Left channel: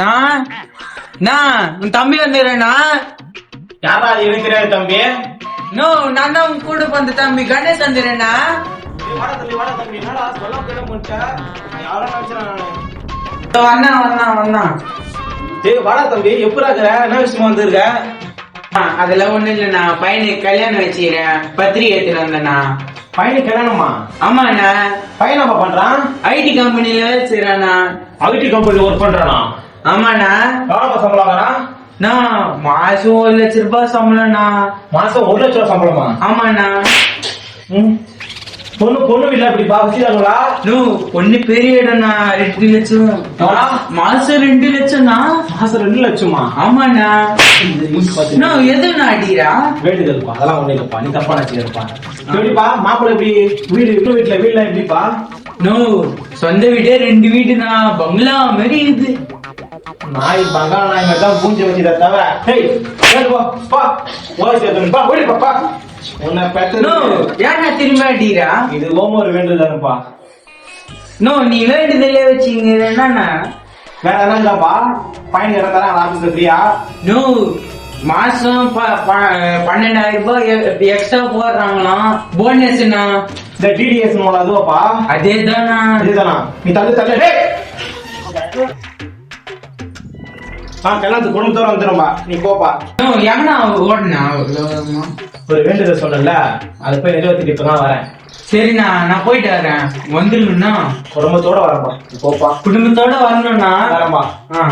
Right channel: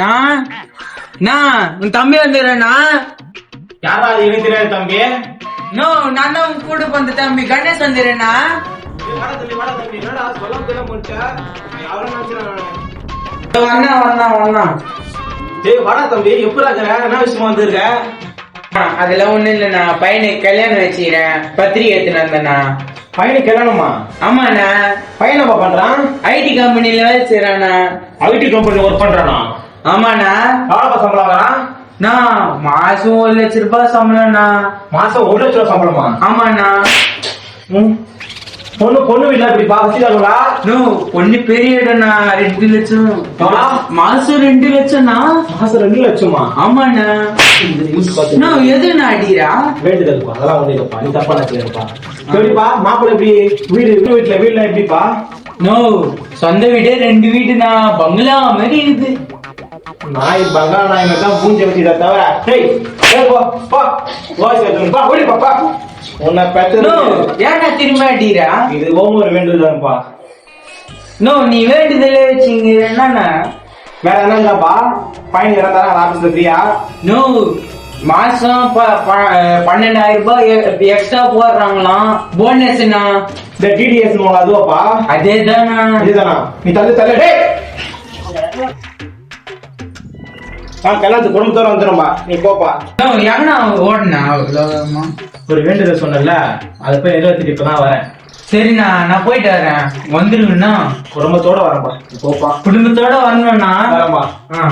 நான் நான் உன் தம்பி வந்துடுறேண்ணா யாரா தெரியாது தம்பி? நோ நான் உன் கூட வந்த தம்பி கணேஷ் வந்துடுறேண்ணா வந்தா வந்தா வந்தான் டேய் வாடா தம்பி எப்படி இருக்கிற? என்ன விஷயமா வந்திருக்க? ஆ, அதெல்லாம் ஒண்ணும் இல்லண்ணா பையனுக்கு கல்யாணம் வச்சுக்கிறேன். பத்திரிகை எடுத்துன்னு வந்தேண்ணா பையனுக்கு கல்யாணமா? ஆமாண்ணா பையன் என்ன பண்றான்? ஐடி கம்பெனில வேலை செய்யறாண்ணா ஐடி கம்பெனி ஒர்க் பண்றானா? ஆமாண்ணா. எவ்வளவு சம்பளம்னா நான் மாசம் ஒரு லட்ச ரூபாய் சம்பளம்ண்ணா. மாசம் ஒரு சம்பளமா? ஆமாண்ணா. பொண்ணு பொண்ணு வீட்டுல இப்படி பாக்குறீங்களா நோ பொண்ணு பெரிய இடம்ண்ணா. ரெண்டு லட்சம்? மாசம் ரெண்டு லட்சம்ண்ணா. மாசம் ரெண்டு லட்சமா? ஆமாண்ணா. எதுண்ணா அடிக்கிறா? வேண்டுதல்ப்பா அதெல்லாம் ஒண்ணு இல்லப்பா. நீ தப்பா நினைக்கிறப்பா சரிப்பா மாப்பிள்ளை எப்படி? வீடு வீட்டு வீட்டுல வீட்டுல எப்படிப்பா? நோ சொந்த வீடே ரெண்டு வீடுண்ணா பங்களா மாதிரி இருக்குது நாய் பங்காள நாய் மாதிரி தான் பூஞ்சை வச்சுதா தவிர ஏய் போ போ பா ஓடி பா உன்னை பெற்றது ஏன்னா திரும்ப அடிக்கிறா? இது ஓம ஒரு வேண்டுதல்ப்பா நோ நீ வேண்டுதலே வச்சுங்க என்னண்ணா? வேற என்னங்கப்பா பையன் இறந்தாரா ஆபீஸ்ல ஃப்ரீயா? நோ மாசம் பன்னெண்டாயிரம் ரூபாய் எக்ஸ்ட்ரா போடுறாங்களாம். போனஸ்ண்ணா இந்த டிடிஎஸ் மூலம் அதுவாப்பா? அதேதாண்ணா இதுதானா நீ தள்ளு தள்ளு டேய்! ஆ கல்யாணத்துக்கு குடும்பத்தோட வந்துரும்பா நீ போப்பா. நோ எங்கண்ணா ஓடுனா? ஒரு வேண்டுதல் சொன்னல அது போய் எழுபத்தி இப்பதான் வரேன். சரிண்ணா நான் போயிட்டு வரேன். வந்துருங்கண்ணா குடும்பத்தோட வரேன்ப்பா. நீ போப்பா. குடும்பத்தோட வரணும்ண்ணா. வரேன்பா ஆ.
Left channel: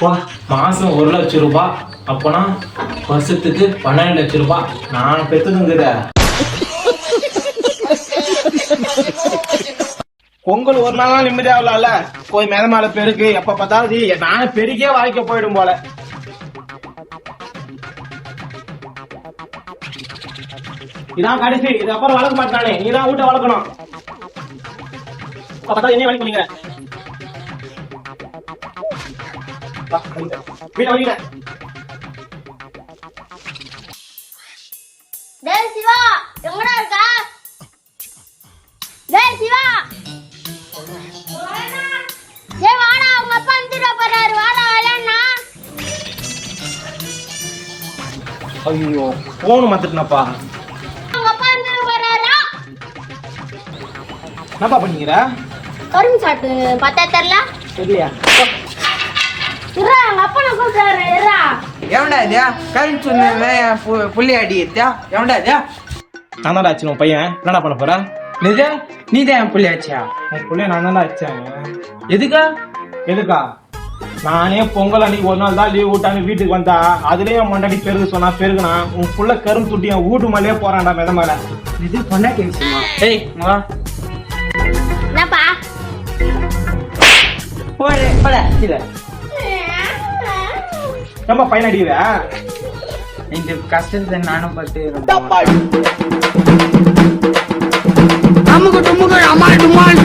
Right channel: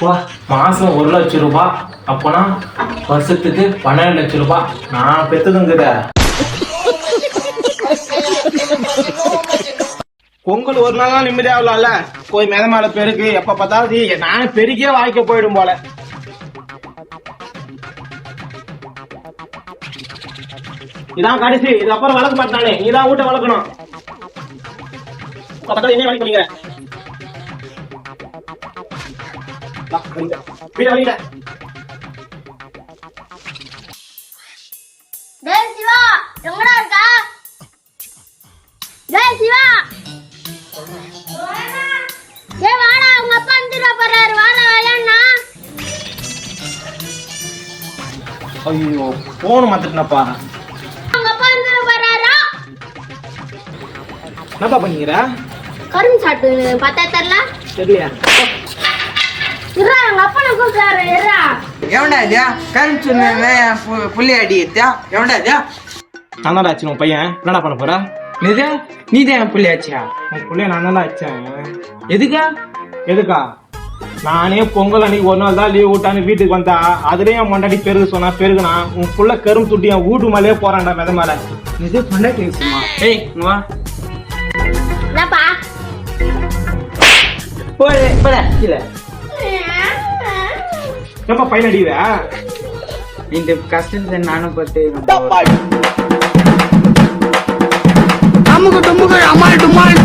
வா மாசம் ஒரு லட்சம் ரூபாய் அப்போனா வருஷத்துக்கு பன்னெண்டு லட்சம் ரூபாய் நான் பெத்ததுங்கிற. பொங்கல் ஒரு நாள் நிம்மதியா இல்ல போய் மேல மேல பெருக்கு எப்ப பார்த்தாலும் நான் பெருக்கே வாய்க்க போயிடும் போல. இதான் கடைசி. இது அப்புறம் வளர்க்க மாட்டானே நீதான் வீட்டை வளர்க்கணும். அப்ப என்ன வளர்க்கணுங்க டேய் சிவா எங்கடா இருக்கா? ஐயோ போன் மாத்திட்டனப்பா. என்னப்பா பண்ணீங்க கரும்பு சாப்பிட்டு பார்த்தா தெரியல? தெரியலையா? இருடா எங்க அப்பா நான் கூப்பிட்டாரு இருடா எவன்டா இதா? கரும்பு சொன்ன புள்ளி அடி இதா எவன்டா இதா? நான் தான் ஆச்சு உன் பையன். என்னடா பண்ண போற? நிஜா நீ தான் புள்ளி ஆச்சியா? உன் பிள்ளைய நான் தான் எதுக்கா? எதுக்கா? நானே பொங்கல் அன்னைக்கு ஒரு நாள் தான் லீவ் விட்டான்னு வீட்டுக்கு வந்தா அதுலயும் என் மண்டாடி பெருகு சொன்னா பெருகுனா உன் புள்ள கரும் துட்டி என் வீட்டு மேலேயே போறான்டா மெத மேல. இது பண்ண பேசுமா? ஏய் வா. என்னப்பா? போடு போட கீழே. ஏன்பா பையன் அடிக்கிற? இந்த கஷ்டத்தை நானும் பத்து அமுக்கு டுமுக்கு அமால் டுமால்